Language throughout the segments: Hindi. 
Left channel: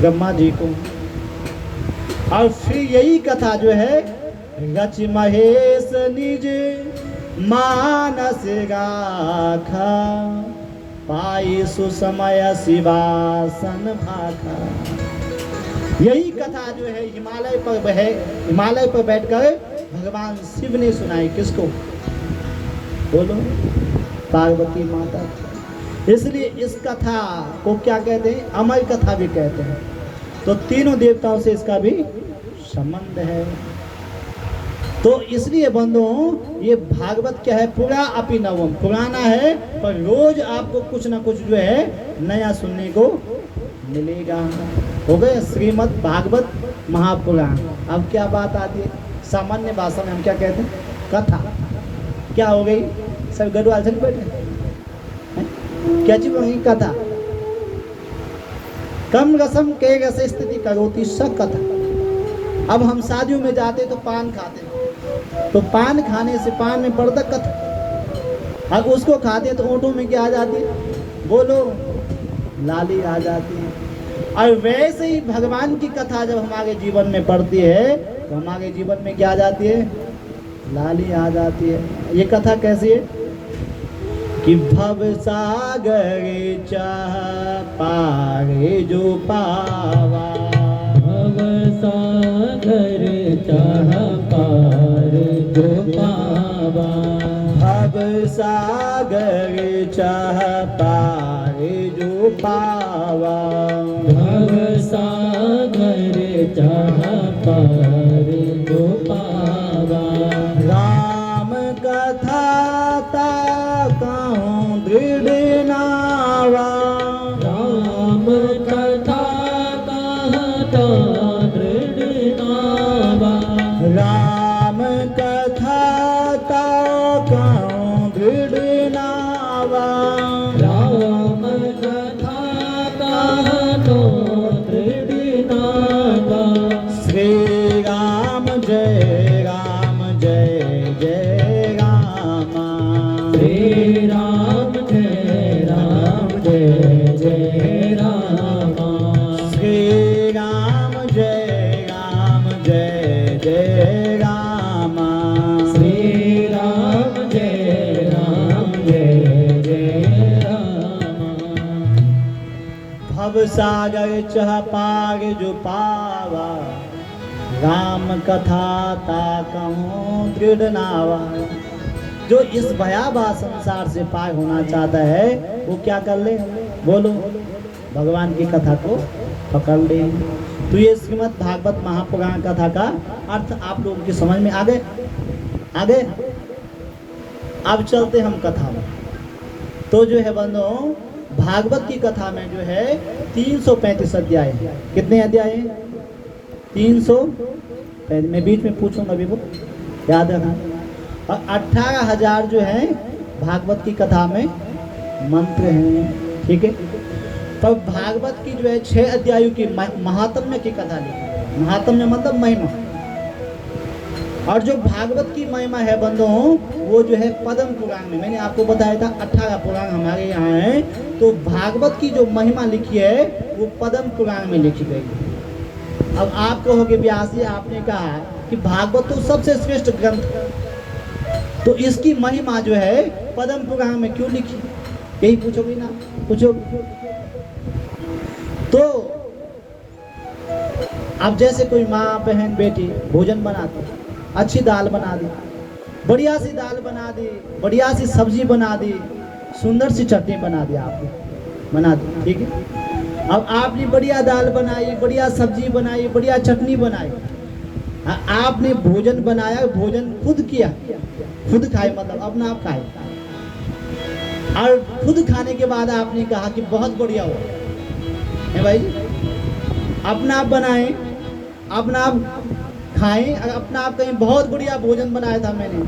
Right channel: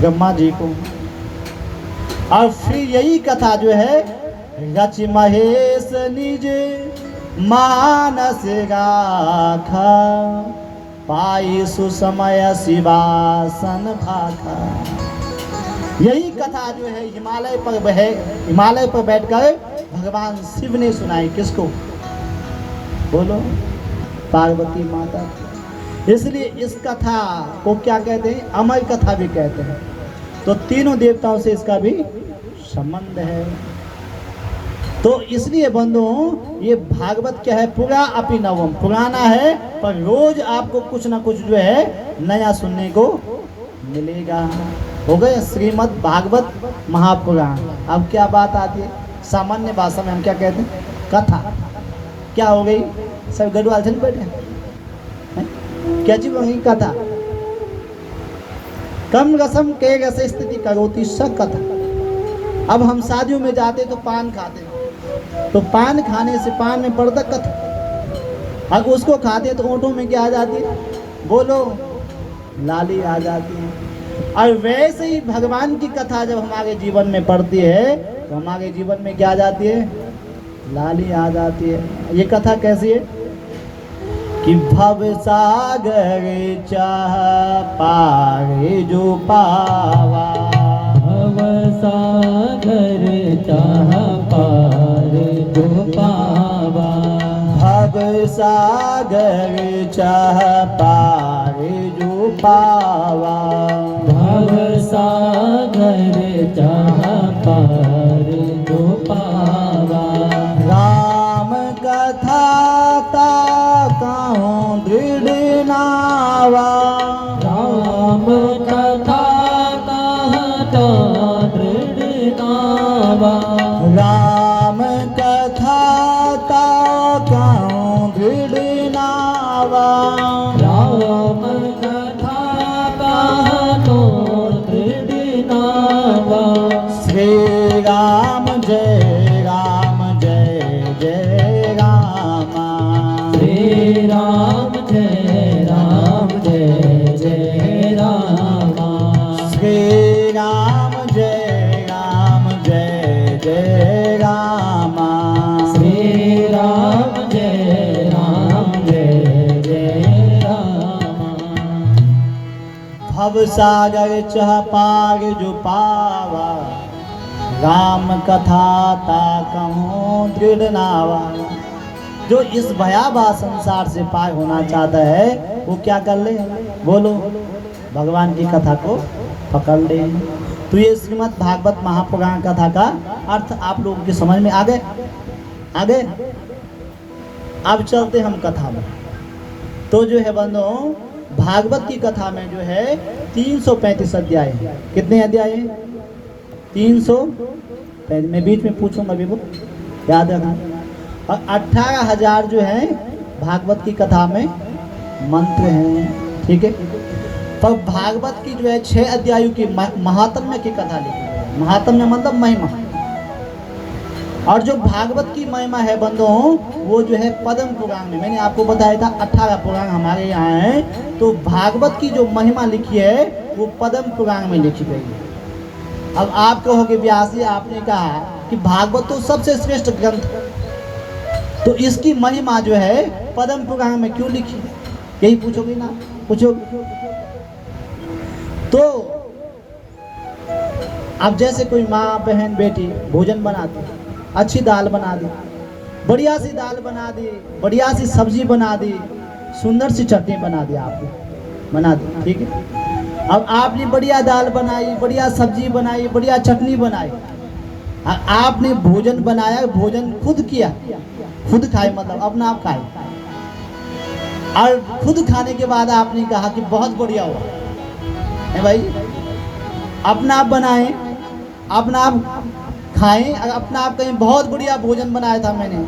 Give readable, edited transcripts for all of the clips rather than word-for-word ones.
ब्रह्मा जी को। और फिर यही कथा जो है रच महेश निज मानस गाथा, पाई सुसमय शिवासन भाखा। यही कथा जो है हिमालय पर बैठकर भगवान शिव ने सुनाई। किसको? बोलो, पार्वती माता। इसलिए इस कथा को क्या कहते हैं? अमर कथा भी कहते हैं। तो तीनों देवताओं से इसका भी संबंध है। तो इसलिए बंधुओं, ये भागवत क्या है? पुरा अपि नवम, पुराना है पर रोज आपको कुछ ना कुछ जो है नया सुनने को मिलेगा। हो गए श्रीमद् भागवत महापुराण। अब क्या बात आती है? सामान्य भाषा में हम क्या कहते हैं? कथा। क्या हो गई? सब गढ़वाल से बैठे हैं? क्या चीज वही कथा। कम रसम के रस स्थिति करोति स कथा। अब हम शादियों में जाते तो पान खाते, तो पान खाने से पान में पड़ता कथा। अब उसको खाते तो ओंठों में क्या आ जाती है? बोलो, लाली आ जाती है। और वैसे ही भगवान की कथा जब हमारे जीवन में पड़ती है तो हमारे जीवन में क्या आ जाती है? लाली आ जाती है। ये कथा कैसी है कि भव सागर चाह पारे जो पावा, भव सागर चाह पार जो पावा, भव सागर चाह पारे जो पावा, भव सागर चाह पार जो पावा। राम कथा ता कहूँ दृढ़ नावा, राम कथा कहता दृढ़ नावा, राम कथा ता कहूँ दृढ़ नावा, राम कथा कहतो दृढ़ नावा। श्री राम जय राम जय जय रामा, श्री राम जय राम जय जय रामा, श्री राम जय जय रामा, श्री राम जय जय रामा। भव सागर चह पार जो पावा, राम कथा ता कहूँ दृढ़ नावा। जो इस भयावह संसार से पार होना चाहता है वो क्या कर ले? बोलो, भगवान की कथा को पकड़ ले। तो ये श्रीमद् भागवत महापुराण कथा का अर्थ आप लोगों की समझ में आ गए? अब चलते हम कथा में। तो जो है बंधुओं, भागवत की कथा में जो है 335 अध्याय है। कितने अध्याय है? 335। मैं बीच में पूछूंगा भी, वो याद रखना। और 18,000 जो है भागवत की कथा में मंत्र हैं। ठीक है। तो भागवत की जो है 6 अध्यायों की महात्म्य की कथा लिखी। महात्म्य मतलब महिमा। और जो भागवत की महिमा है बंधुओं, वो जो है पद्म पुराण में, मैंने आपको बताया था 18 पुराण हमारे यहाँ हैं। तो भागवत की जो महिमा लिखी है वो पद्म पुराण में लिखी गई है। अब आप कहोगे व्यास जी, आपने कहा कि भागवत तो सबसे श्रेष्ठ ग्रंथ है, तो इसकी महिमा जो है पद्म पुराण में क्यों लिखी? यही पूछोगे ना? पूछोगे। तो अब जैसे कोई माँ बहन बेटी भोजन बनाती, अच्छी दाल बना दी, बढ़िया सी दाल बना दी, बढ़िया सी सब्जी बना दी, सुंदर सी चटनी बना दी, आपने बना दी। ठीक है। अब आपने बढ़िया दाल बनाई, बढ़िया सब्जी बनाई, बढ़िया चटनी बनाई, आपने भोजन बनाया, भोजन खुद किया, खुद खाए, मतलब अपना आप खाए। और खुद खाने के बाद आपने कहा कि बहुत बढ़िया हुआ है भाई। अपना आप बनाए, अपना आप खाएं, अपना आप कहीं बहुत बढ़िया भोजन बनाया था मैंने।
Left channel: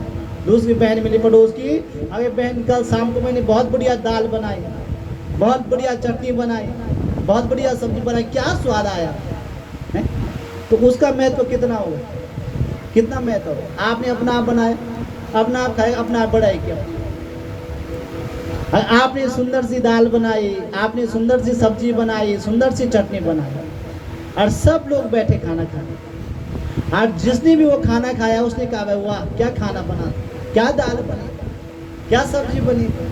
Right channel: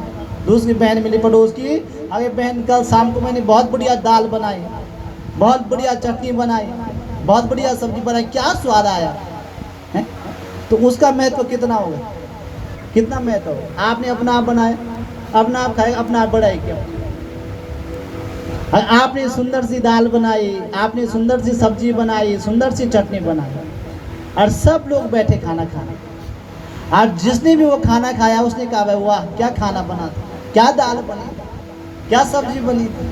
दूसरी बहन मिली पड़ोस की, अरे बहन कल शाम को मैंने बहुत बढ़िया दाल बनाई, बहुत बढ़िया चटनी बनाई, बहुत बढ़िया सब्जी बनाई, क्या स्वाद आया है? तो उसका महत्व कितना होगा? कितना महत्व होगा? आपने अपना आप बनाया, अपना आप खाए, अपना आप बढ़ाए क्या? और आपने सुंदर सी दाल बनाई, आपने सुंदर सी सब्जी बनाई, सुंदर सी चटनी बनाई, और सब लोग बैठे खाना खाना। और जिसने भी वो खाना खाया उसने कहा भाई वाह क्या खाना बना था, क्या दाल बनी, क्या सब्जी बनी थी,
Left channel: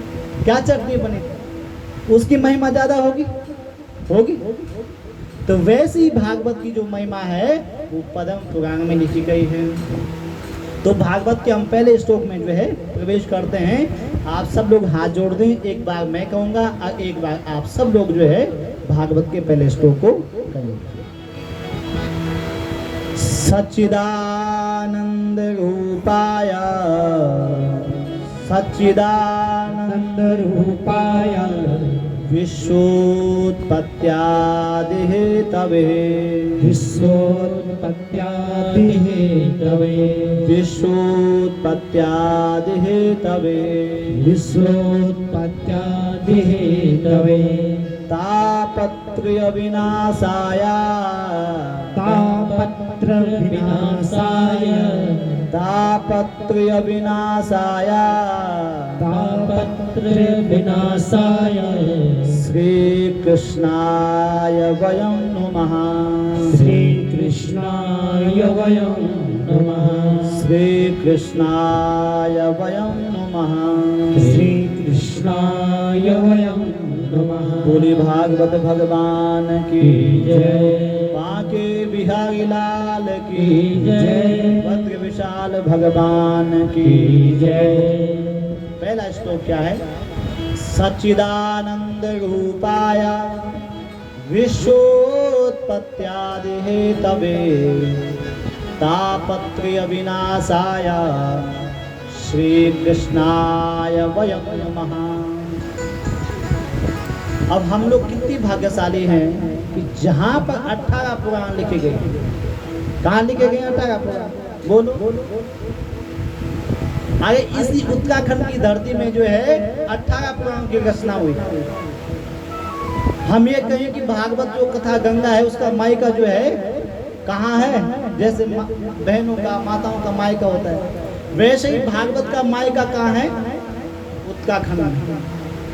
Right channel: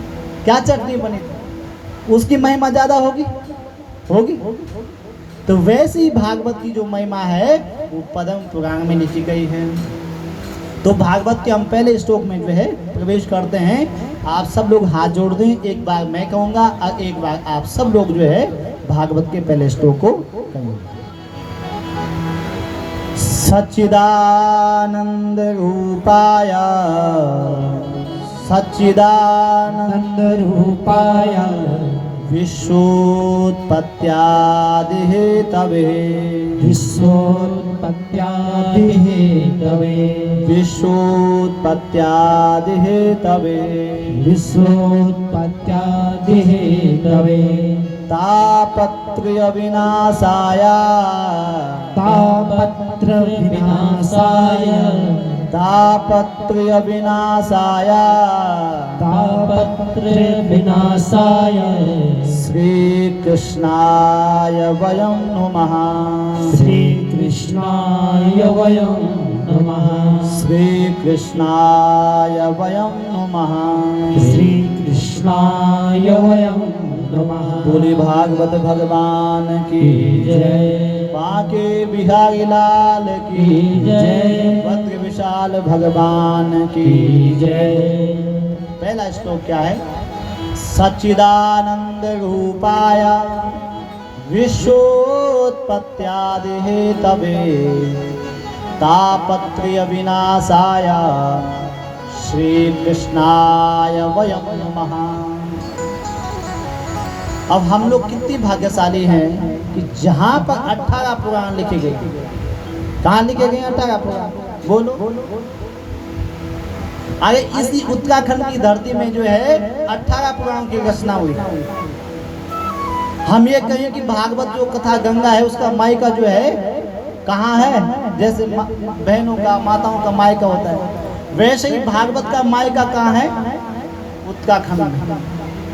क्या चटनी बनी थी। उसकी महिमा ज्यादा होगी होगी। तो वैसे ही भागवत की जो महिमा है वो पद्म पुराण में लिखी गई है। तो भागवत के हम पहले श्लोक में जो है प्रवेश करते हैं। आप सब लोग हाथ जोड़ दें, एक बार मैं कहूँगा और एक बार आप सब लोग जो है भागवत के पहले श्लोक को कहेंगे। सच्चिदानंद रूपाय सच्चिदानंद रूपाय विश्वोत्पत्त्यादिः तवे विश्वोत्पत्त्यादिः तवे विश्वोत्पत्त्यादिः तवे विश्वोत्पत्त्यादिः तवे तापत्रय विनाशाय तापत्र विनाशाय तापत्रय विनाशाय तापत्र विनाशाय श्री कृष्णाय वयं नमः श्री कृष्णाय वयं नमः श्री कृष्णाय वयं नमः श्री कृष्णाय वयं नमः। बोली भागवत भगवान की जय। बांके बिहारी लाल की जय। भद्र विशाल भगवान की जय। पहला श्लोक क्या है? सच्चिदानंद रूपाय विश्वोत्पत्त्यादिः तवे तापत्रय विनाशाय श्री कृष्णाय वयं नमः। अब हम लोग कितनी भाग्यशाली हैं कि जहाँ पर 18 पुराण लिखे गए। कहाँ लिखे गए 18 पुराण? बोलो। अरे इसी उत्तराखंड की धरती में जो है 18 पुराण की रचना हुई। हम ये कहें कि भागवत जो कथा गंगा है उसका मायका जो है कहाँ है? जैसे बहनों का माताओं का मायका होता है, वैसे ही भागवत का मायका कहाँ है? उत्तराखंड में।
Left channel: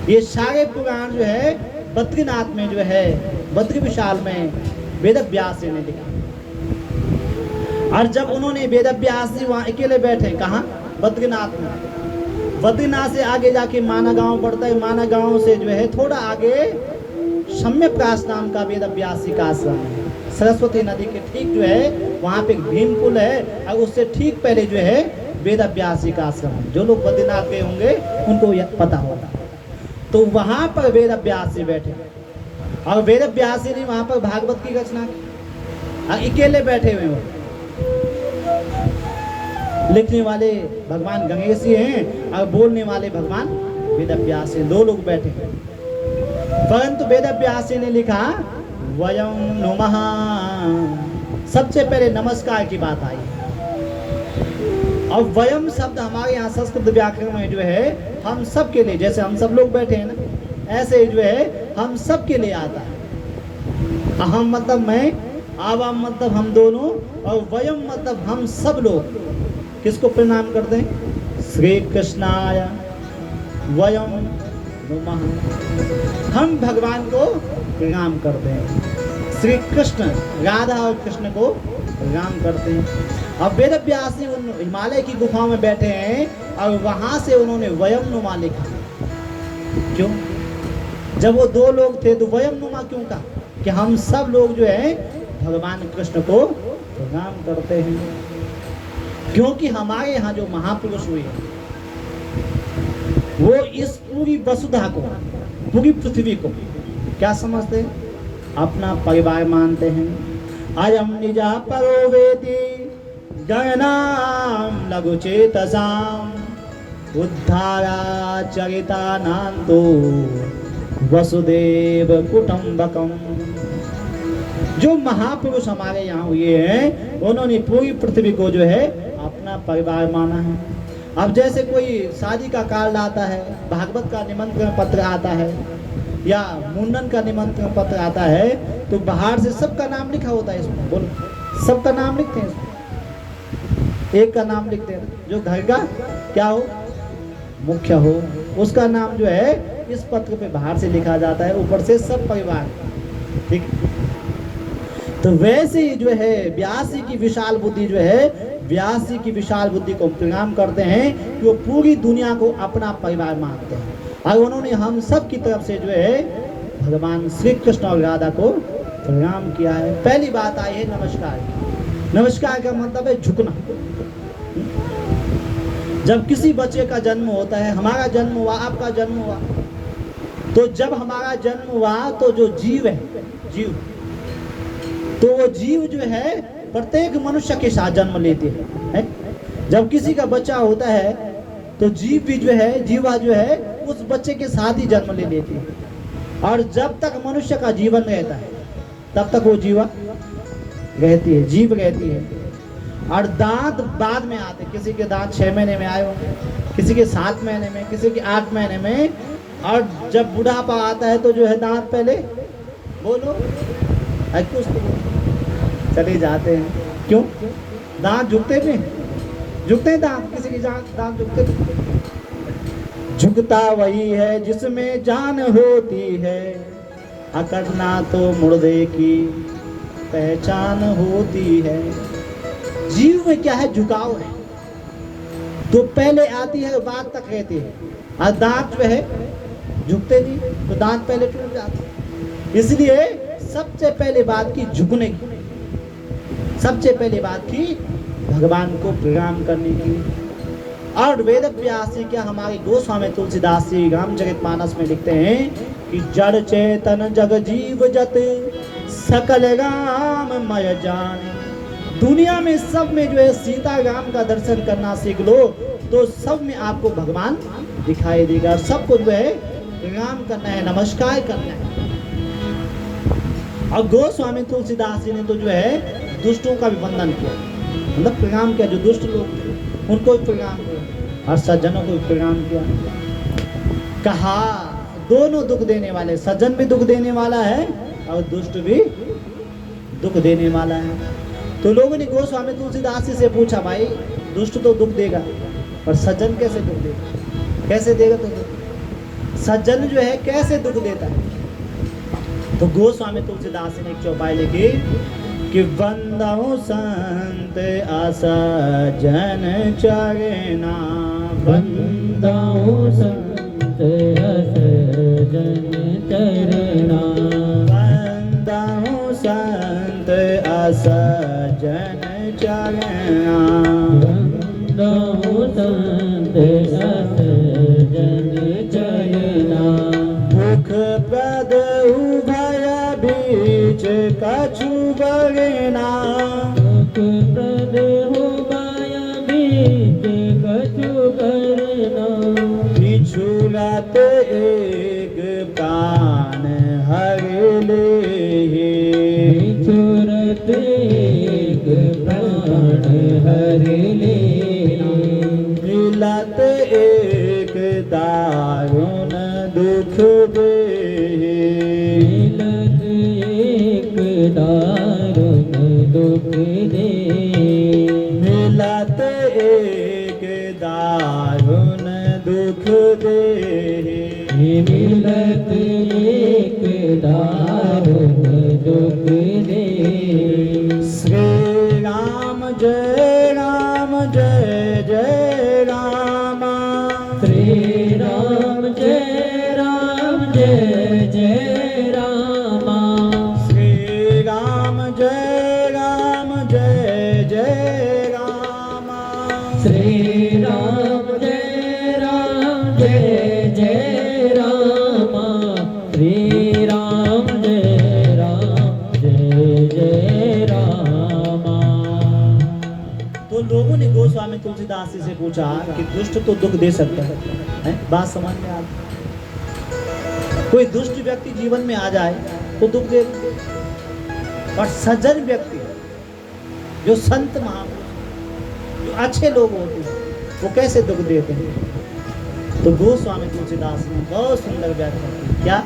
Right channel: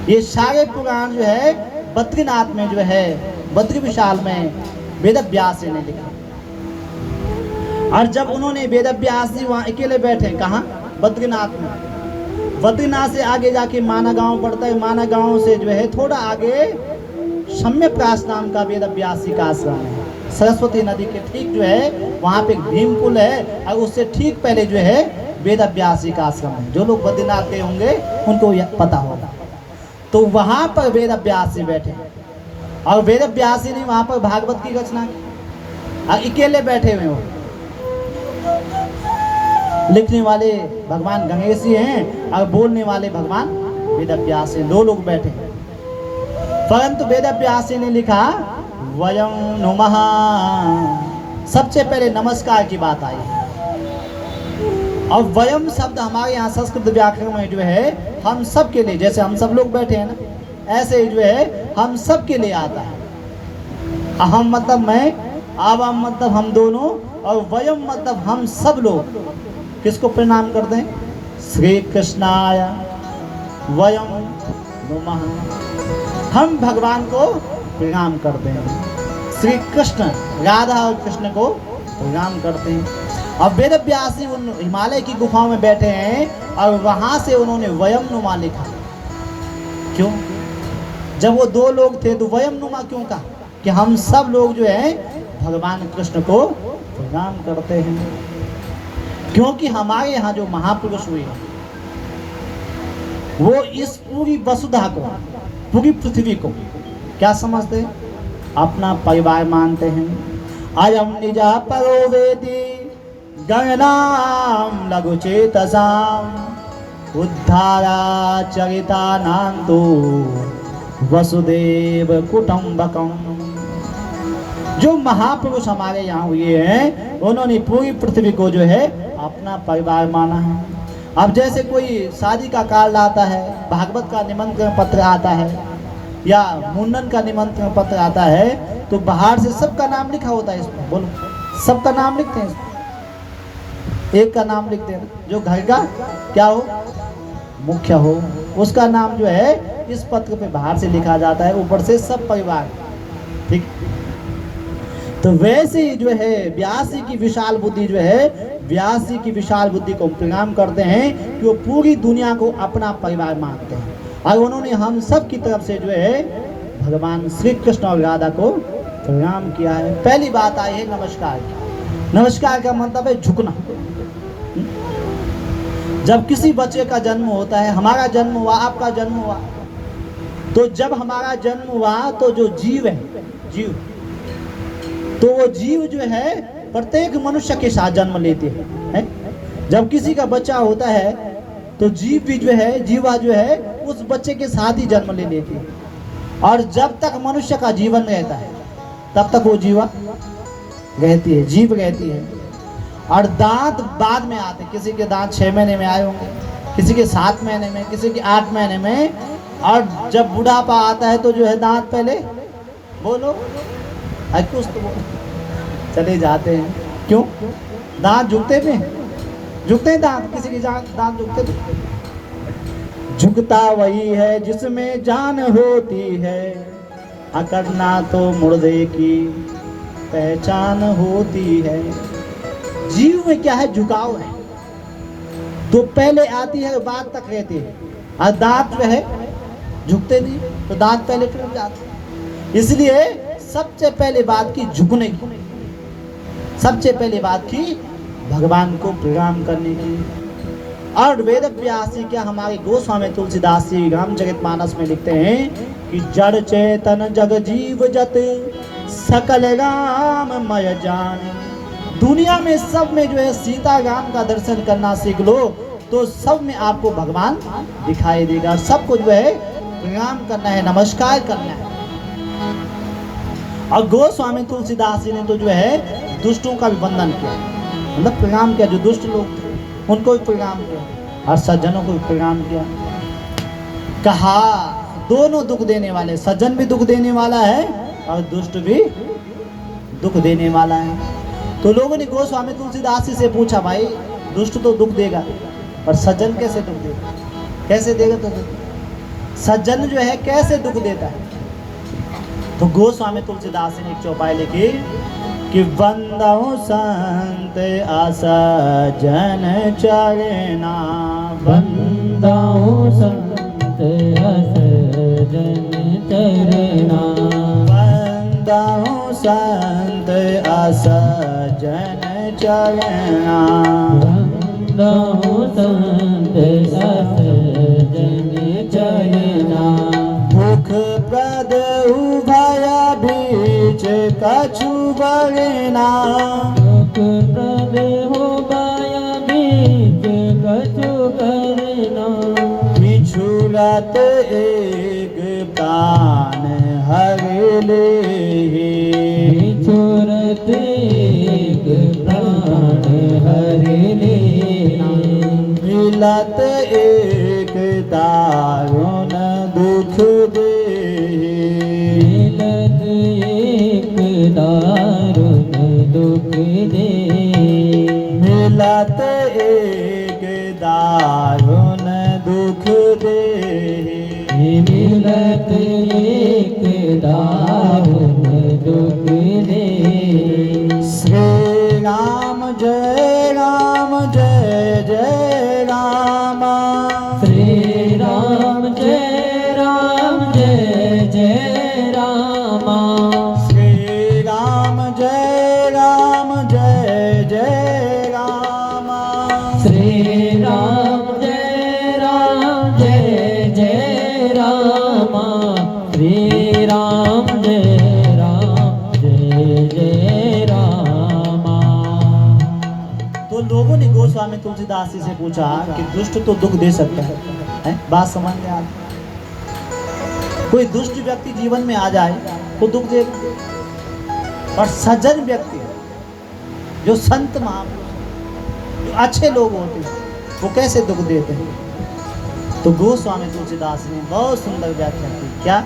ये सारे पुराण जो है बद्रीनाथ में जो है बद्री विशाल में वेद व्यास जी ने लिखा। और जब उन्होंने वेद व्यास जी वहाँ अकेले बैठे, कहाँ? बद्रीनाथ में। बद्रीनाथ से आगे जाके माना गांव पड़ता है, माना गांव से जो है थोड़ा आगे सम्यप्रास नाम का वेद व्यास जी का आश्रम है। सरस्वती नदी के ठीक जो है वहाँ पे भीम पुल है, और उससे ठीक पहले जो है वेद व्यास जी का आश्रम है। जो लोग बद्रीनाथ गए होंगे उनको यह पता होगा। तो वहां पर वेद व्यास जी बैठे, और वेद व्यास जी ने वहां पर भागवत की रचना, और अकेले बैठे हुए हो। लिखने वाले भगवान गणेश जी हैं और बोलने वाले भगवान वेद व्यास जी, दो लोग बैठे। परंतु वेद व्यास जी ने लिखा वयं नमः। सबसे पहले नमस्कार की बात आई। और वयम शब्द हमारे यहाँ संस्कृत व्याकरण में जो है हम सब के लिए, जैसे हम सब लोग बैठे हैं ना, ऐसे ही जो है हम सब के लिए आता है। अहम मतलब मैं, आवाम मतलब हम दोनों, और वयम मतलब हम सब लोग किसको प्रणाम करते हैं? श्री कृष्णाय वयम नमः। हम भगवान को प्रणाम करते हैं। श्री कृष्ण, राधा और कृष्ण को प्रणाम करते हैं। अब वेद व्यास जी उन हिमालय की गुफाओं में बैठे हैं और वहां से उन्होंने वयम नुमा लिखा। क्यों? जब वो दो लोग थे तो वयम नुमा क्यों कहा? कि हम सब लोग जो है भगवान कृष्ण को प्रणाम करते हैं। क्योंकि हमारे यहाँ जो महापुरुष हुए वो इस पूरी वसुधा को, पूरी पृथ्वी को क्या समझते हैं? अपना परिवार मानते हैं। अयम निजा परो वेदी गणनाम लघुचेतसाम उद्धारा चरिता नांतो वसुदेव कुटुंबकम। जो महापुरुष हमारे यहाँ हुए हैं उन्होंने पूरी पृथ्वी को जो है अपना परिवार माना है। अब जैसे कोई शादी का कार्ड आता है, भागवत का निमंत्रण पत्र आता है, या मुंडन का निमंत्रण पत्र आता है, तो बाहर से सबका नाम लिखा होता है इसमें। बोलो, सबका नाम लिखते हैं इसमें। एक का नाम लिखते हैं, जो घर का क्या हो, मुख्य हो, उसका नाम जो है इस पत्र पे बाहर से लिखा जाता है, ऊपर से सब परिवार, ठीक। तो वैसे ही जो है व्यासी की विशाल बुद्धि जो है, व्यासी की विशाल बुद्धि को प्रणाम करते हैं कि वो पूरी दुनिया को अपना परिवार मानते हैं, और उन्होंने हम सब की तरफ से जो है भगवान श्री कृष्ण और राधा को प्रणाम किया है। पहली बात आई है नमस्कार की। नमस्कार का मतलब है झुकना। जब किसी बच्चे का जन्म होता है, हमारा जन्म हुआ, आपका जन्म हुआ, तो जब हमारा जन्म हुआ तो जो जीव है, जीव, तो वो जीव जो है प्रत्येक मनुष्य के साथ जन्म लेते हैं। जब किसी का बच्चा होता है तो जीव भी जो है, जीवा जो है उस बच्चे के साथ ही जन्म ले लेती है, और जब तक मनुष्य का जीवन रहता है तब तक वो जीवा रहती है, जीव रहती है। और दांत बाद में आते, किसी के दांत 6 महीने में आए होंगे, किसी के 7 महीने में, किसी के 8 महीने में, और जब बुढ़ापा आता है तो जो है दांत पहले बोलो कुछ तो बोलो चले जाते हैं। क्यों? दांत झुकते थे, झुकते हैं दांत, किसी के दांत झुकते थे। झुकता वही है जिसमें जान होती है, अकड़ना तो मुर्दे की पहचान होती है। जीव में क्या है? झुकाव है। तो पहले आती है बाद तक रहती है, और दांत जो है झुकते नहीं, तो दांत पहले टूट जाते। इसलिए सबसे पहले बात की झुकने की, सबसे पहले बात की भगवान को प्रणाम करने की। और वेद व्यास जी क्या हमारे गोस्वामी तुलसीदास जी रामचरितमानस में लिखते हैं कि जड़ चेतन जग जीव जत सकल राममय जाने। दुनिया में सब में जो है सीता राम का दर्शन करना सीख लो तो सब में आपको भगवान दिखाई देगा। सबको जो है प्रणाम करना है, नमस्कार करना है। और गोस्वामी तुलसीदास जी ने तो जो है दुष्टों का भी वंदन किया, मतलब प्रणाम किया। जो दुष्ट लोग थे उनको भी प्रणाम किया, और सज्जनों को भी प्रणाम किया। कहा दोनों दुख देने वाले, सज्जन भी दुख देने वाला है और दुष्ट भी दुख देने वाला है। तो लोगों ने गोस्वामी तुलसीदास जी से पूछा, भाई दुष्ट तो दुख देगा पर सज्जन कैसे दुख देगा? कैसे देगा? तो सज्जन जो है कैसे दुख देता है? तो गोस्वामी तुलसीदास जी ने एक चौपाई लिखी कि वंदो संत असज्जन चरना, वंदो संत असज्जन चरना, वंदो संत असज्जन चरना, वंदो संत असज्जन चरना। भूख प्रद उभय बीच कछु बरना, दुख प्रद हो माया बीच कछु करना। बिछुड़त एक प्राण हर ले, बिछुड़त एक प्राण हर ले। मिलत एक दारुण दुख दे, मिलत एक दारुण दुख दे। मिलत एक दारुण दुख दे। मिलत एक दारुण दुख दे। श्री राम जय राम जय जय राम, श्री राम जय राम जय जय राम, श्री राम जय राम जय जय राम, श्री राम जय राम जय जय राम, श्री राम जय जय राम। तो लोगों ने गोस्वामी तुलसीदास जी से पूछा कि दुष्ट तो दुख दे सकता है? बात समझ में आ रही? कोई दुष्ट व्यक्ति जीवन में आ जाए तो दुख दे, और सज्जन व्यक्ति जो संत महापुरुष जो अच्छे लोग होते हैं वो कैसे दुख देते हैं? तो गोस्वामी तुलसीदास ने बहुत सुंदर व्याख्या की। क्या?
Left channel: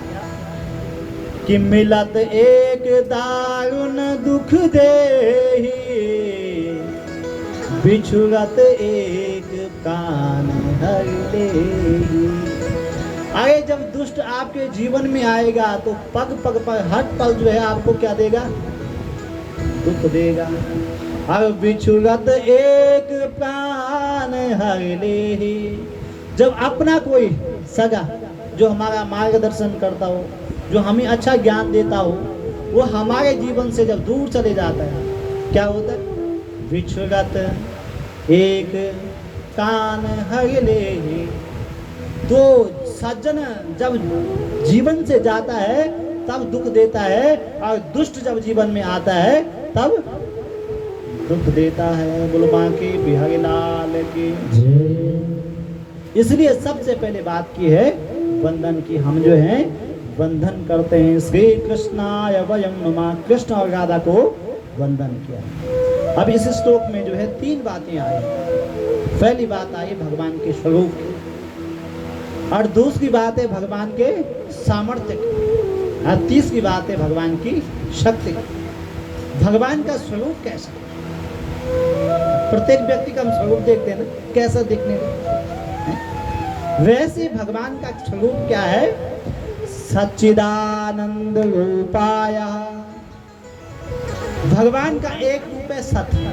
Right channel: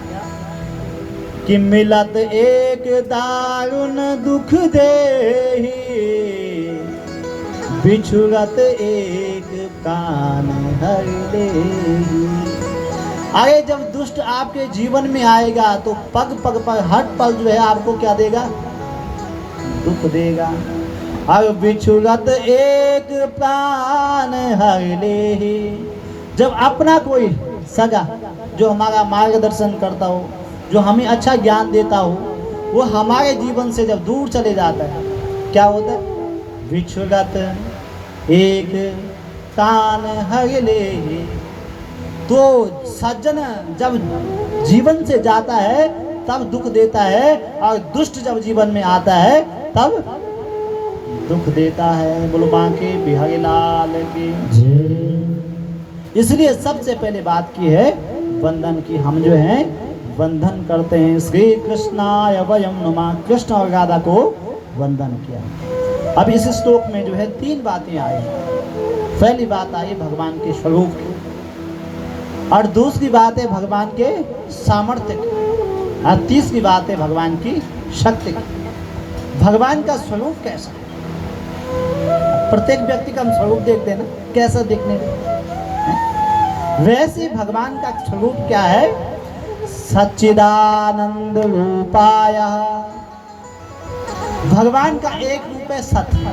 कि मिलत एक दारुण दुख देहि, बिछुड़त एक प्राण हर लेहि। आगे जब दुष्ट आपके जीवन में आएगा तो पग पग पर हर पल जो है आपको क्या देगा, दुख देगा। अब बिछुगत एक प्राण हर लेहि, जब अपना कोई सगा जो हमारा मार्गदर्शन करता हो, जो हमें अच्छा ज्ञान देता हो, वो हमारे जीवन से जब दूर चले जाता है, क्या होता है, बिछुगत एक प्राण हर लेहि। तो सज्जन जब जीवन से जाता है तब दुख देता है, और दुष्ट जब जीवन में आता है तब दुख देता है। बोलो बांके बिहारी लाल की। इसलिए सबसे पहले बात की है वंदन की। हम जो है वंदन करते हैं, श्री कृष्णाय वयं नमः, कृष्ण और राधा को वंदन किया। अब इस श्लोक में जो है 3 बातें आई। पहली बात आई भगवान के स्वरूप की, और दूसरी बात है भगवान के सामर्थ्य की, और तीसरी बात है भगवान की शक्ति की। भगवान का स्वरूप कैसा है, प्रत्येक व्यक्ति का हम स्वरूप देखते हैं ना, कैसा दिखने में, वैसे भगवान का स्वरूप क्या है, सच्चिदानंद रूपाय। भगवान का एक रूप है सत्य,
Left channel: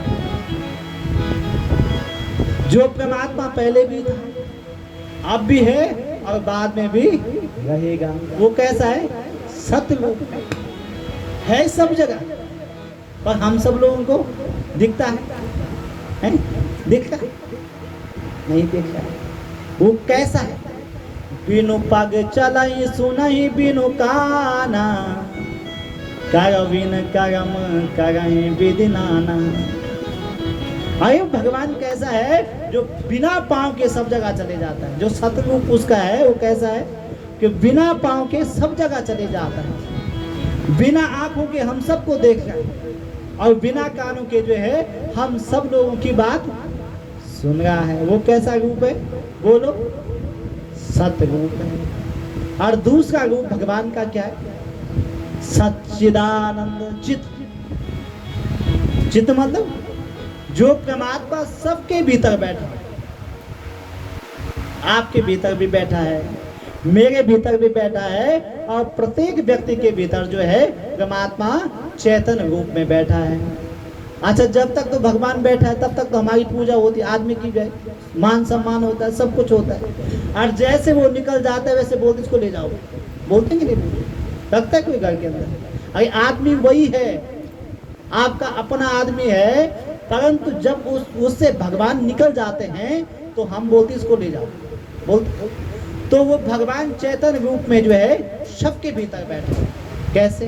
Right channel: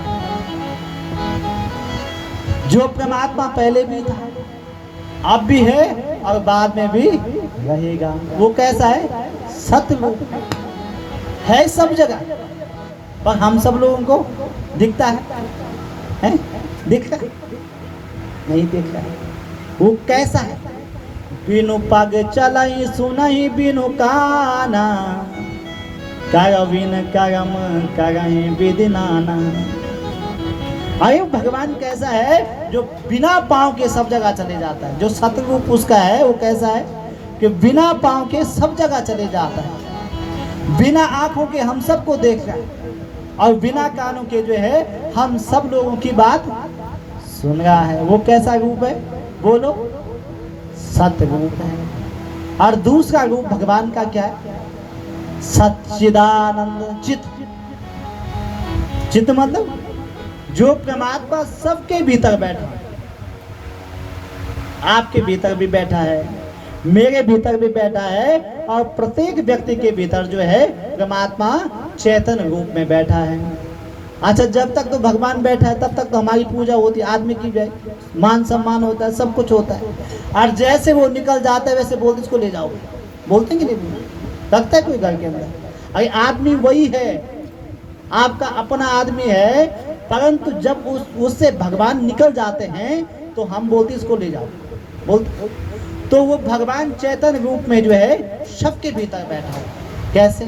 जो परमात्मा पहले भी था, अब भी है और बाद में भी रहेगा। वो कैसा है, सत्य रूप है सब जगह, पर हम सब लोगों को दिखता है? दिखता नहीं, दिखता है। वो कैसा है, बिनु पग चलई सुनई बिनु काना, कर बिन करम करई विधि नाना। आयु भगवान कैसा है, जो बिना पांव के सब जगह चले जाता है। जो सतरूप उसका है वो कैसा है कि बिना पांव के सब जगह चले जाता है, बिना आंखों के हम सबको देख रहा है, और बिना कानों के जो है हम सब लोगों की बात सुन रहा है। वो कैसा रूप है, बोलो, सत्य रूप है। और दूसरा रूप भगवान का क्या है, सच्चिदानंद चित। चित मतलब जो परमात्मा सबके भीतर बैठा है, आपके भीतर भी बैठा है, मेरे भीतर भी बैठा है, और प्रत्येक व्यक्ति के भीतर जो है परमात्मा चैतन्य रूप में बैठा है। अच्छा, जब तक तो भगवान बैठा है तब तक तो हमारी पूजा होती है, आदमी की जाए, मान सम्मान होता है, सब कुछ होता है। और जैसे वो निकल जाता है वैसे बोलते इसको ले जाओ, बोलते कि नहीं, लगता है कोई घर के अंदर। अरे आदमी वही है, आपका अपना आदमी है, परंतु जब उससे भगवान निकल जाते हैं तो हम बोलते इसको ले जाओ, बोलते। तो वो भगवान चैतन्य रूप में जो है सबके भीतर बैठा है। कैसे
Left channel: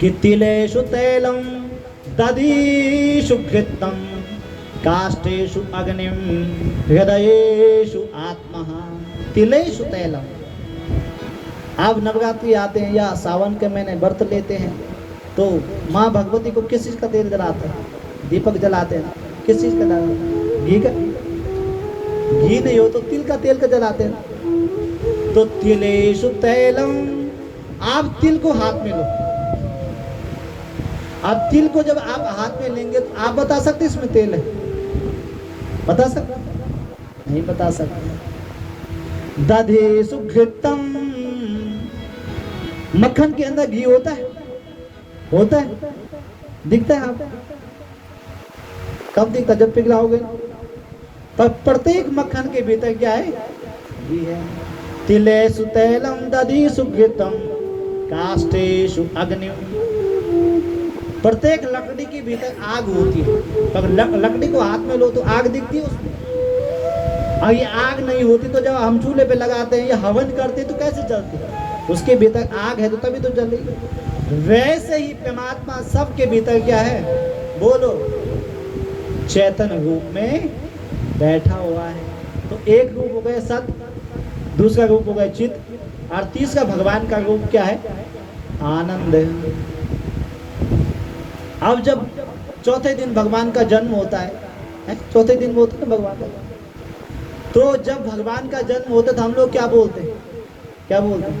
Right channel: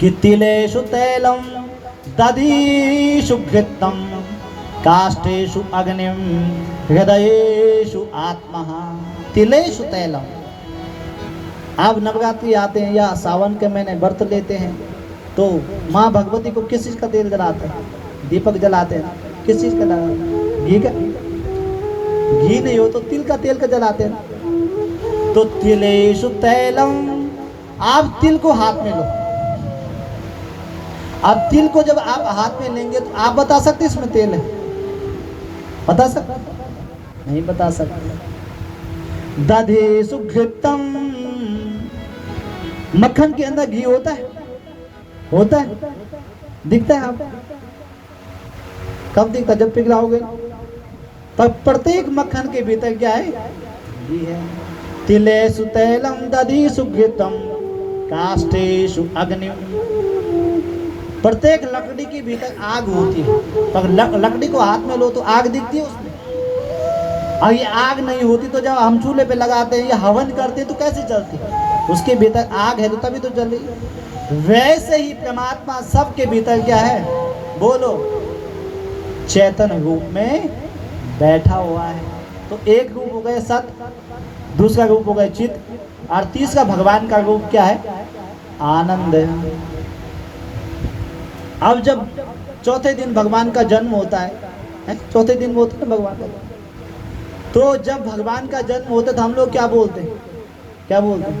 कि तिलेषु तैलम दधीषु घृतम काष्ठेषु अग्निम हृदयेषु आत्मा। तिलेषु तैलम। अब नवरात्रि आते हैं या सावन के महीने व्रत लेते हैं तो माँ भगवती को किस चीज का तेल जलाते हैं, दीपक जलाते हैं। किस चीज का जलाते हैं, घी का। घी नहीं हो तो तिल का तेल का जलाते हैं। तो तिलेषु तैलम। आप तिल को हाथ में लो। अब तिल को जब आप हाथ में लेंगे तो आप बता सकते इसमें तेल है, बता सकते नहीं, बता सकते। दधेषु घृतम। मक्खन के अंदर घी होता है, होता है, दिखता है आपको? कब दिखता, जब पिघलाओगे। पर प्रत्येक मक्खन के भीतर क्या है, घी है। तिलेषु तैलम दधीषु घृतम काष्ठेषु अग्निम। प्रत्येक लकड़ी के भीतर आग होती है, पर लकड़ी को हाथ में लो तो आग दिखती है उसमें। और ये आग नहीं होती तो जब हम चूल्हे पे लगाते हैं या हवन करते हैं तो कैसे जलती है, उसके भीतर आग है तो तभी तो जल रही। वैसे ही परमात्मा सबके भीतर क्या है, बोलो, चैतन्य रूप में बैठा हुआ है। तो एक रूप हो गए सत्य, दूसरा रूप हो गए चित, और तीसरा भगवान का रूप क्या है, आनंद है। अब जब चौथे दिन भगवान का जन्म होता है, चौथे दिन होता है भगवान का, तो जब भगवान का जन्म होता है तो हम लोग क्या बोलते हैं, क्या बोलते हैं,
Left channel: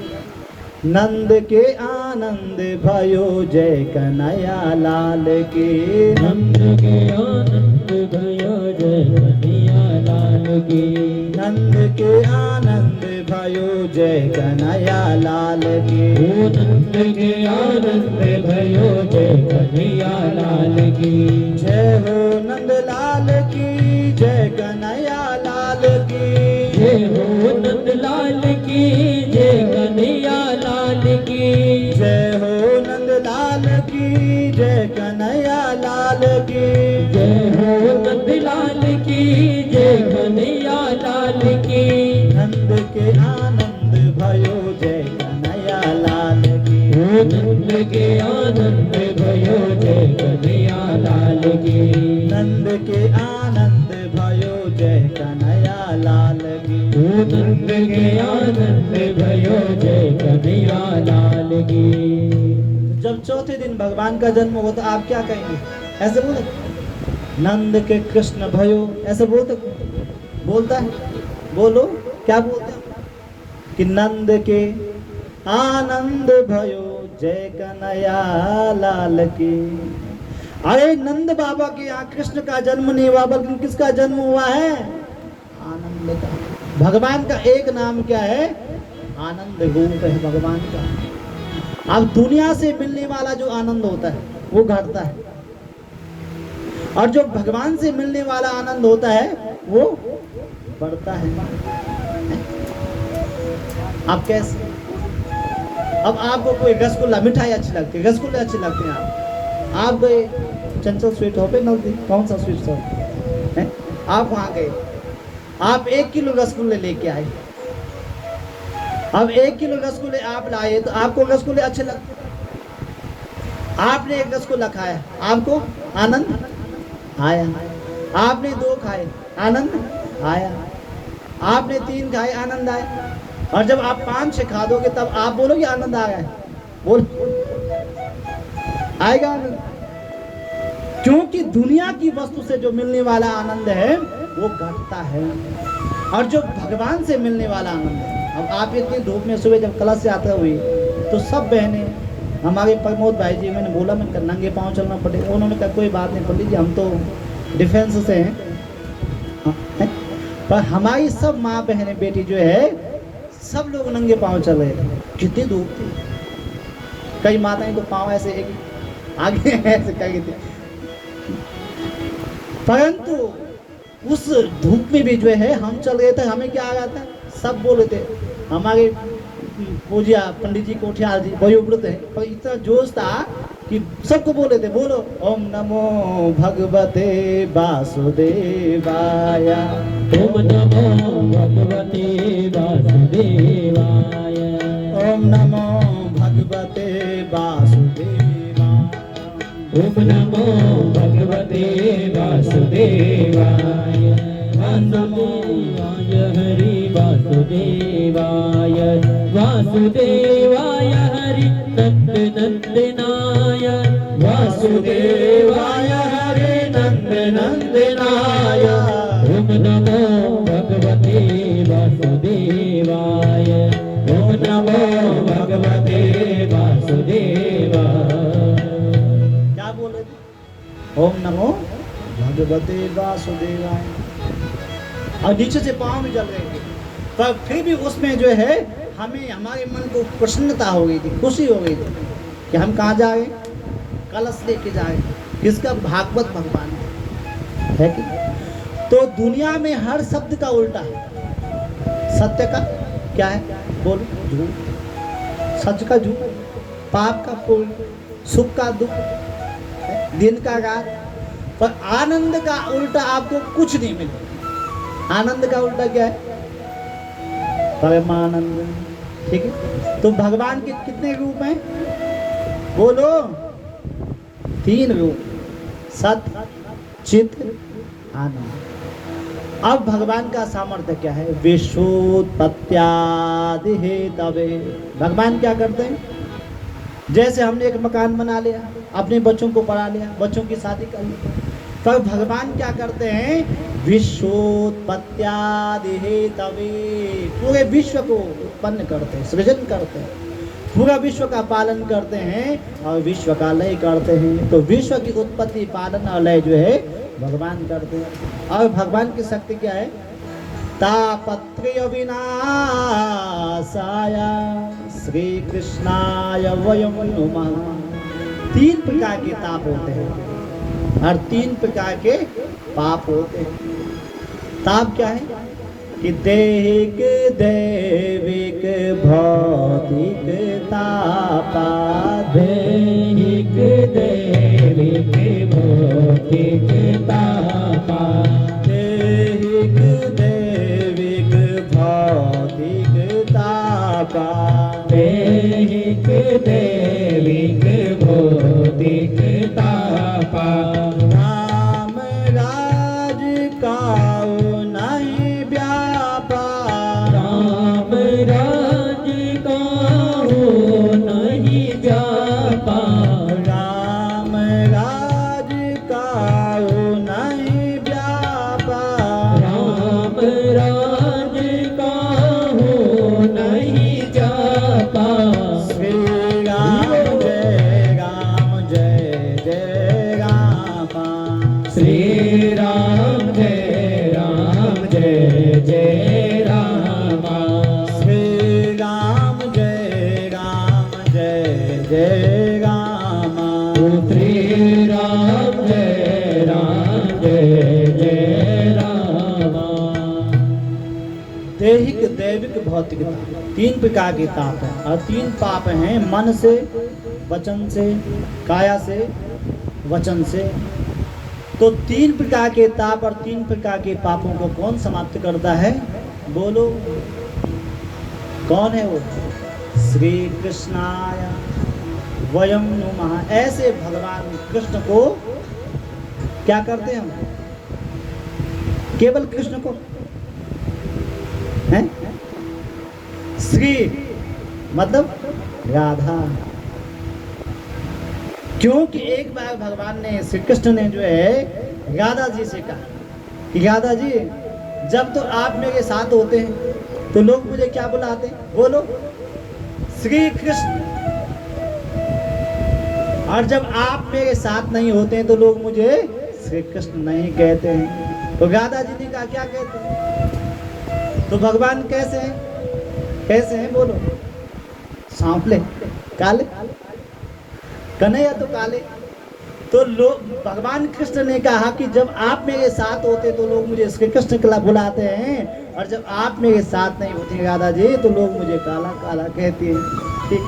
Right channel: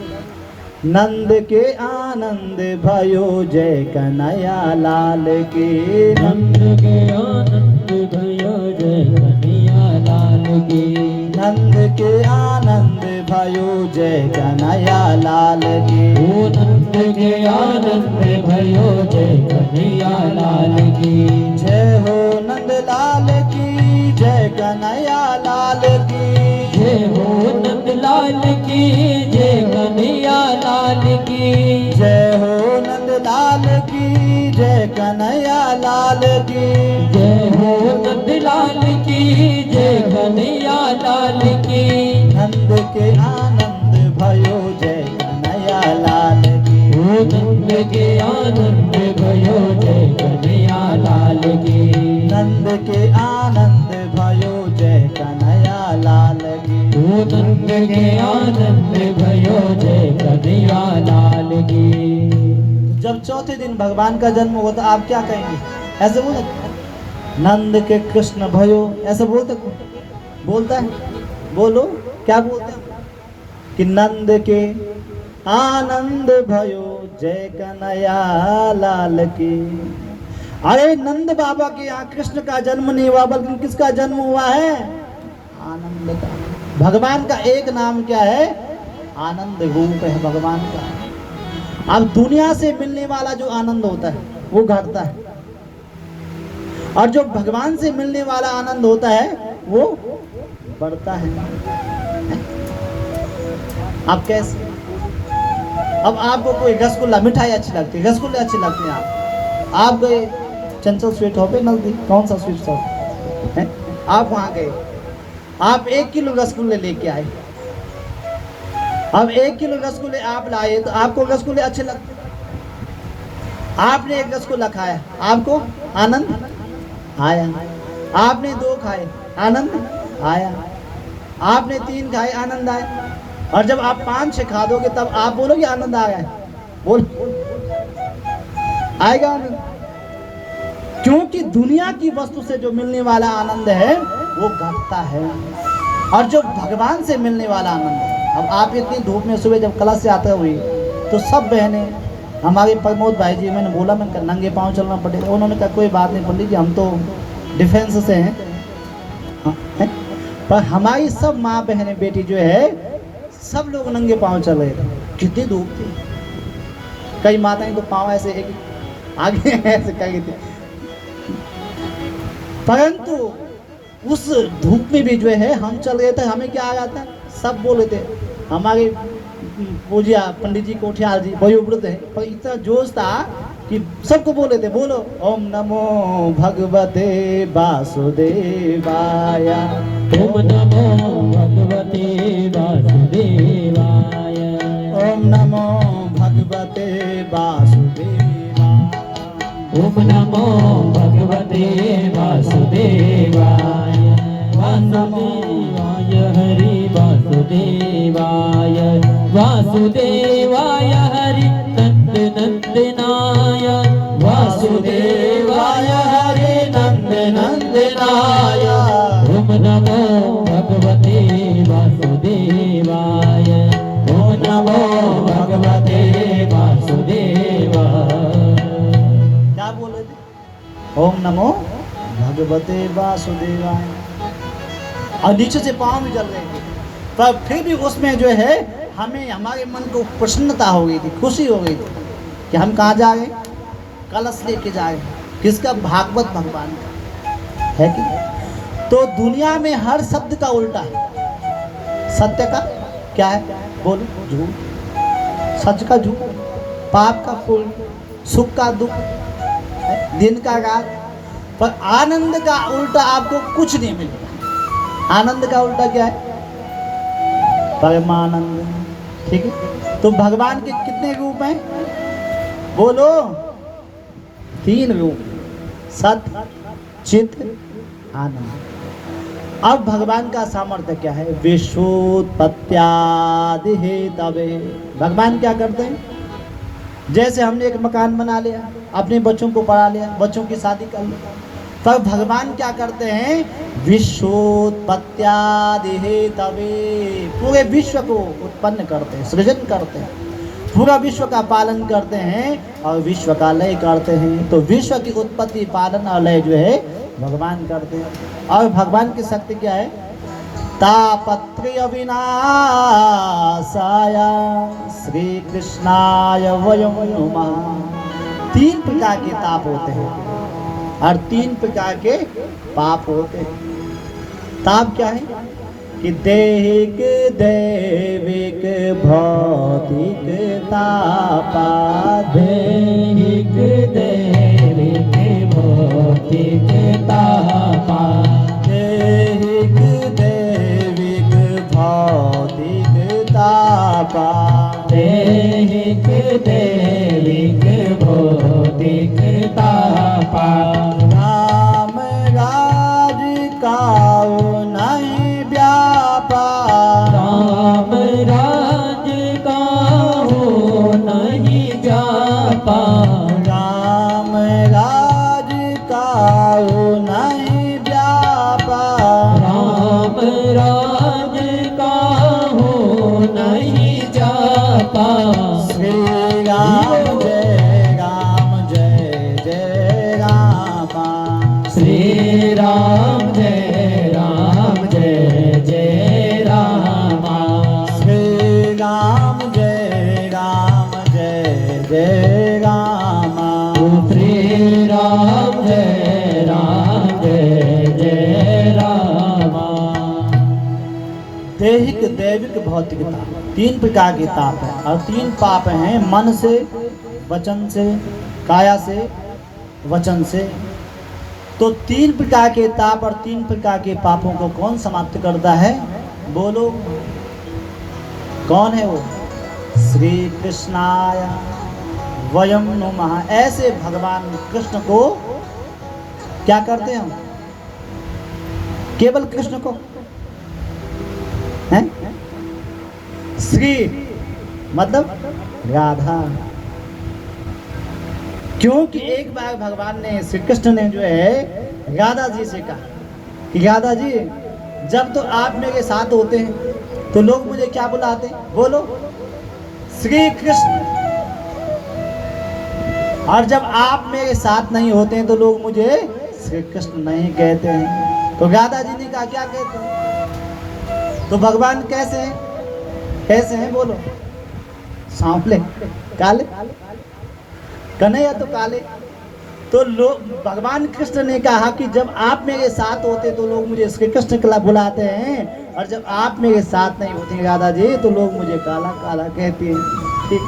नंद के आनंद भयो जय कन्हैया लाल के। नंद के आनंद भयो जय कन्हैया लाल के। नंद के आनंद भयो जय कन्हैया लाल की। ओ नंद के आनंद भयो जय कन्हैया लाल की। जय हो नंद लाल की जय कन्हैया लाल की। जय हो नंद लाल की जय कन्हैया लाल की। जय हो नंद लाल की जय कन्हैया लाल की। जय हो नंद लाल की जय कन्हैया लाल की। नंद के आनंद भयो जय कन्हैया लाल की। ओ नंद के आनंद भयो जय कन्हैया लाल की। नंद के आनंद भयो जय कन्हैया लाल की। ओ नंद के आनंद भयो जय कन्हैया लाल की। जब चौथे दिन भगवान का जन्म हुआ तो आप क्या कहेंगे? ऐसे बोले नंद के कृष्ण भयो, ऐसे बोलता है? बोलो क्या बोलते हैं? कि नंद के आनंद भयो जय कन्हैया लाल की। अरे नंद बाबा के यहाँ कृष्ण का जन्म नहीं हुआ, बल्कि किसका जन्म हुआ है? आनंद का। भगवान का एक नाम क्या है? आनंद रूप है भगवान का। अब दुनिया से मिलने वाला जो आनंद होता है वो घटता है, और जो भगवान से मिलने वाला आनंद होता है वो बढ़ता है। अब कैसे? अब आपको कोई रसगुल्ला मिठाई अच्छी लगती है, रसगुल्ले अच्छे लगते हैं, आप गए चंचल स्वीट शॉप पे नजदीक, कौन सा स्वीट शॉप है, आप वहां गए, आप 1 किलो रसगुल्ले लेके आए। अब 1 किलो रसगुल्ले आप लाए तो आपको रसगुल्ले अच्छे लगते, आपने 1 रसगुल्ला खाया, आपको आनंद आया। आपने 2 खाए, आनंद आया। आपने 3 खाए, आनंद आया। और जब आप 5-6 खा दोगे तब आप बोलोगे आनंद आ गया, बोल आएगा आनंद। क्योंकि दुनिया की वस्तु से जो मिलने वाला आनंद है वो घटता है, और जो भगवान से मिलने वाला आनंद है। अब आप इतनी धूप में सुबह जब क्लास से आते हुए तो सब बहनें, हमारे प्रमोद भाई जी, मैंने बोला मैंने कहा नंगे पाँव चलना पड़ेगा, उन्होंने कहा कोई बात नहीं पंडित जी, हम तो डिफेंस से हैं। पर हमारी सब माँ बहनें बेटी जो है सब लोग नंगे पाँव चल रहे थे, कितनी धूप थी। कई माताएं तो पाँव ऐसे आगे ऐसे कही थी, परंतु उस धूप में भी जो है हम चल रहे थे, हमें क्या आ जाता है, सब बोले थे। हमारे पूजिया पंडित जी कोठियाल जी वयोवृद्ध है, पर इतना जोश था कि सबको बोले थे, बोलो ओम नमो भगवते वासुदेवाय, ओम नमो भगवते वासुदेवाय, ओम नमो भगवते वासुदेवाय, ओम नमो भगवते वासुदेवाय, वासुदेवाय हरि वासुदेवाय, वासुदेवाय हरि नंद नंदनाय, वासुदेवाय हरि नंद नंदनाय। ओम नमो भगवते वासुदेवाय, ओम नमो भगवते वासुदेवाय। क्या बोले थे? ओम नमो भगवते वासुदेवाय। और नीचे से पाँव भी जल रहे थे, पर फिर भी उसमें जो है हमें, हमारे मन को प्रसन्नता हो गई थी, खुशी हो गई थी कि हम कहाँ जा रहे, कलश लेके जा रहे, किसका? भागवत भगवान का है कि। तो दुनिया में हर शब्द का उल्टा है, सत्य का क्या है? बोलो झूठ, सच का झूठ, पाप का पुण्य, सुख का दुख, दिन का रात। पर आनंद का उल्टा आपको कुछ नहीं मिलेगा। आनंद का उल्टा क्या है? परमानंद। ठीक है, तो भगवान के कितने रूप हैं? बोलो 3 रूप, सत्य, चित्त, आनंद। अब भगवान का सामर्थ्य क्या है? विश्वोत्पत्त्यादि हेतवे। भगवान क्या करते हैं? जैसे हमने एक मकान बना लिया, अपने बच्चों को पढ़ा लिया, बच्चों की शादी कर ली, पर भगवान क्या करते हैं? विश्वोत्पत्त्यादि हेतवे, पूरे विश्व को उत्पन्न करते हैं, सृजन करते हैं, पूरा विश्व का पालन करते हैं और विश्व का लय करते हैं। तो विश्व की उत्पत्ति, पालन और लय जो है भगवान करते हैं। और भगवान की शक्ति क्या है? तापत्रय विनाशाय श्री कृष्णाय वयं नुमः। 3 प्रकार के ताप होते हैं और 3 प्रकार के पाप होते हैं। ताप क्या है कि दैहिक दैविक भौतिक तापा, दैहिक दैविक भौतिक तापा, दैहिक दैविक भौतिक तापा, दैहिक दैविक भौतिक तापा। राम राज काऊ नहीं व्यापा, राम राज काहू नहीं व्यापा, राम राज काऊ नहीं व्यापा, राम राज काहू नहीं जाता। श्री राम जय रामा, श्री राम जय रामा, श्री राम जय रामा, श्री राम जय रामा। दैहिक दैविक भौतिक ताप 3 प्रकार के ताप है और 3 पाप हैं मन से, वचन से, काया से, वचन से। तो 3 प्रकार के ताप और 3 प्रकार के पापों को कौन समाप्त करता है? बोलो कौन है वो? श्री कृष्णाय वयं नुमः। ऐसे भगवान कृष्ण को क्या करते हैं हम? केवल कृष्ण को हैं? श्री मतलब राधा। क्योंकि एक बार भगवान ने श्री कृष्ण ने जो है राधा जी से कहा कि राधा जी जब तो आप मेरे साथ होते हैं तो लोग मुझे क्या बुलाते हैं? बोलो श्री कृष्ण। और जब आप मेरे साथ नहीं होते हैं तो लोग मुझे श्री कृष्ण नहीं कहते हैं। तो राधा जी ने कहा क्या कहते हैं? तो भगवान कैसे हैं? कैसे हैं बोलो? सांवले, काले, कन्हैया तो काले। तो लोग भगवान कृष्ण ने कहा कि जब आप मेरे साथ होते तो लोग मुझे श्री कृष्ण कला बुलाते हैं और जब आप मेरे साथ नहीं होते राधा जी तो लोग मुझे काला काला कहते हैं। ठीक,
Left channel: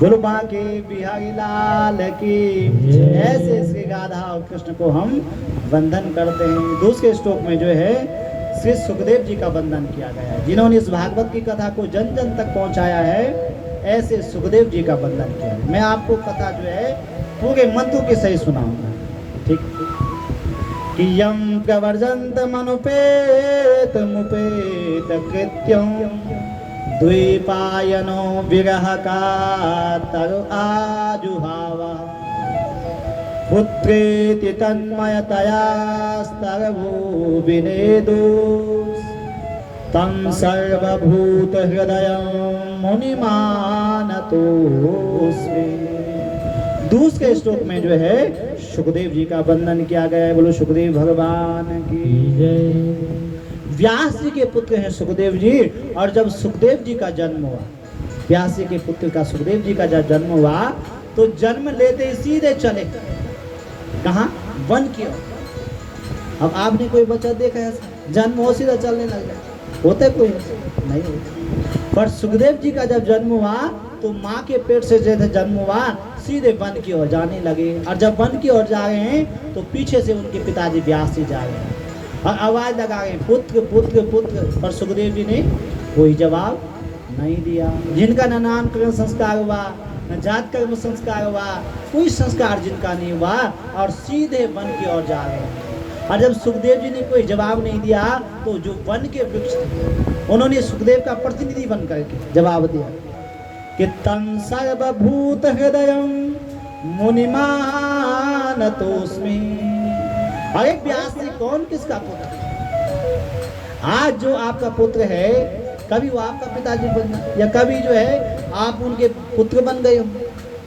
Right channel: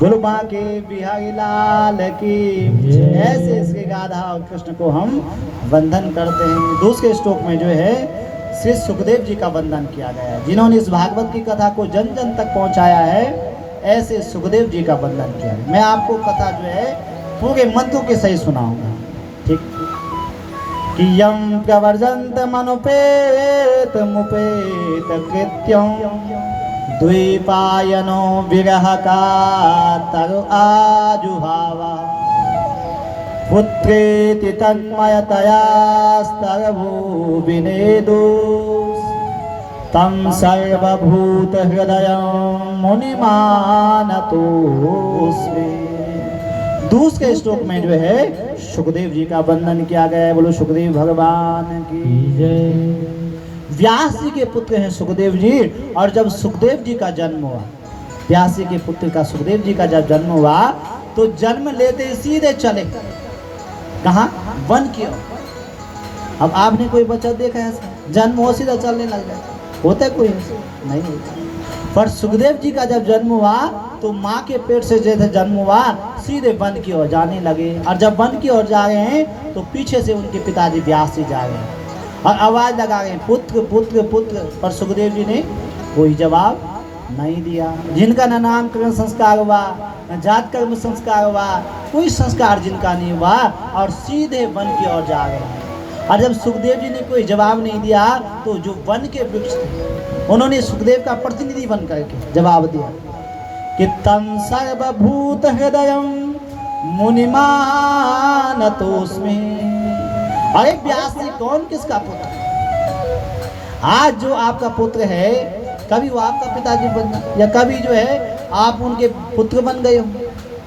बोलो बांके बिहारी लाल की। ऐसे श्री राधा और कृष्ण को हम वंदन करते हैं। दूसरे श्लोक में जो है श्री सुखदेव जी का वंदन किया गया है, जिन्होंने इस भागवत की कथा को जन जन तक पहुंचाया है। ऐसे सुखदेव जी का वंदन किया है। मैं आपको कथा जो है पूरे मंत्रों के सही सुनाऊंगा। ठीक कि यम प्रवर्जंत मनुपेत मुपेत कृत्यं द्वैपायनो विरह का तरु आजुहावा पुत्रेति तन्मयतया स्तरभू विनेदुस् तम सर्वभूत हृदय मुनिमानतोस्मि। दूसरे श्लोक में जो है सुखदेव जी का वंदन किया गया है। बोलो सुखदेव भगवान की जय। व्यास जी के पुत्र हैं सुखदेव जी। और जब सुखदेव जी का जन्म हुआ, व्यास जी के पुत्र का सुखदेव जी का जब जन्म हुआ तो जन्म लेते सीधे चले कहाँ? वन की ओर। अब आपने कोई बच्चा देखा है जन्म हो सीधा चलने लग जाए? होता है कोई? नहीं होता। पर सुखदेव जी का जब जन्म हुआ तो माँ के पेट से जैसे जन्म हुआ सीधे वन की ओर जाने लगे। और जब वन की ओर जा रहे हैं तो पीछे से उनके पिताजी व्यास जी जा रहे हैं और आवाज लगा रहे हैं पुत्र पुत्र पुत्र। पर सुखदेव जी ने कोई जवाब नहीं दिया। जिनका न नामकरण संस्कार हुआ, न जात कर्म संस्कार हुआ, कोई संस्कार जिनका नहीं हुआ और सीधे वन की ओर जा रहे हैं। और जब सुखदेव जी ने कोई जवाब नहीं दिया तो जो वन के वृक्ष थे उन्होंने सुखदेव का प्रतिनिधि बन करके जवाब दिया कि तम सर्वभूत हृदय मुनिमानतोस्मि। अरे व्यास जी कौन किसका पुत्र? आज जो आपका पुत्र है कभी वो आपका पिताजी बन या कभी जो है आप उनके पुत्र बन गए हो।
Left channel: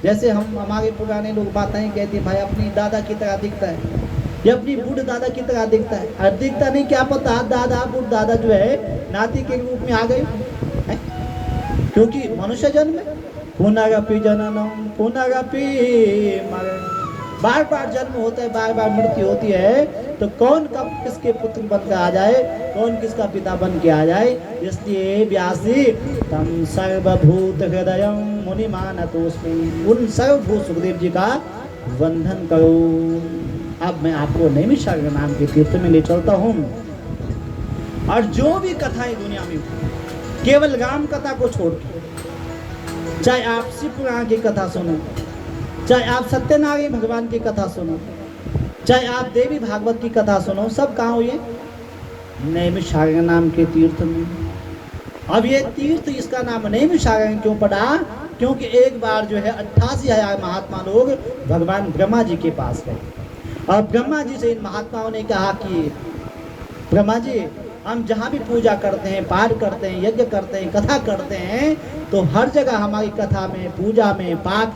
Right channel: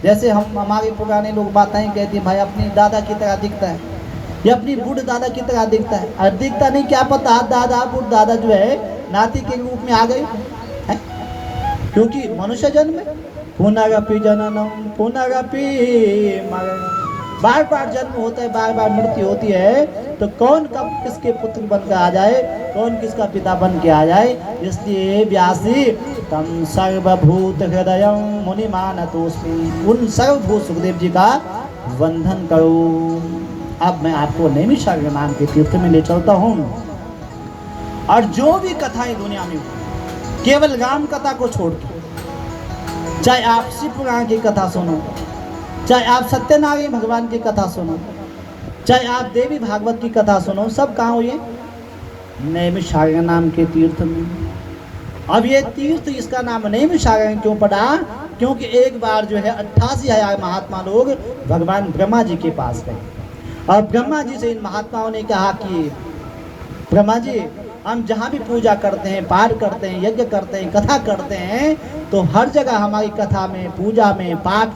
जैसे हम हमारे पुराने लोग बातें कहते हैं भाई अपनी दादा की तरह दिखता है या अपनी बूढ़ दादा की तरह दिखता है। और दिखता नहीं क्या पता दादा बूढ़ दादा जो है नाती के रूप में आ गए हैं? क्योंकि मनुष्य जन्म है, पुनरपि जननम पुनरपि मरणम, बार बार जन्म होता है, बार बार मृत्यु होती है, तो कौन कब किसके पुत्र बनकर आ जाए, कौन किसका पिता बन के आ जाए। इसलिए व्यासी तम सर्वभूत हृदय मुनि मानतोस्मि, उन सर्वभूत सुखदेव जी का वंदन करो। अब मैं आपको नैमिषारण्य नाम के तीर्थ में ले चलता हूँ, और जो भी कथाएं दुनिया में केवल राम कथा को छोड़ के, चाहे आप शिव पुराण की कथा सुनो, चाहे आप सत्यनारायण भगवान की कथा सुनो, चाहे आप देवी भागवत की कथा सुनो, सब कहाँ हुए? नैमिषारण्य नाम के तीर्थ में। अब ये तीर्थ इसका नाम नैमिषारण्य क्यों पड़ा? क्योंकि एक बार जो है 88,000 महात्मा लोग भगवान ब्रह्मा जी के पास गए, और ब्रह्मा जी से इन महात्माओं ने कहा कि ब्रह्मा जी, हम जहाँ भी पूजा करते हैं, पाठ करते हैं, यज्ञ करते हैं, कथा करते हैं, तो हर जगह हमारी कथा में, पूजा में, पाठ में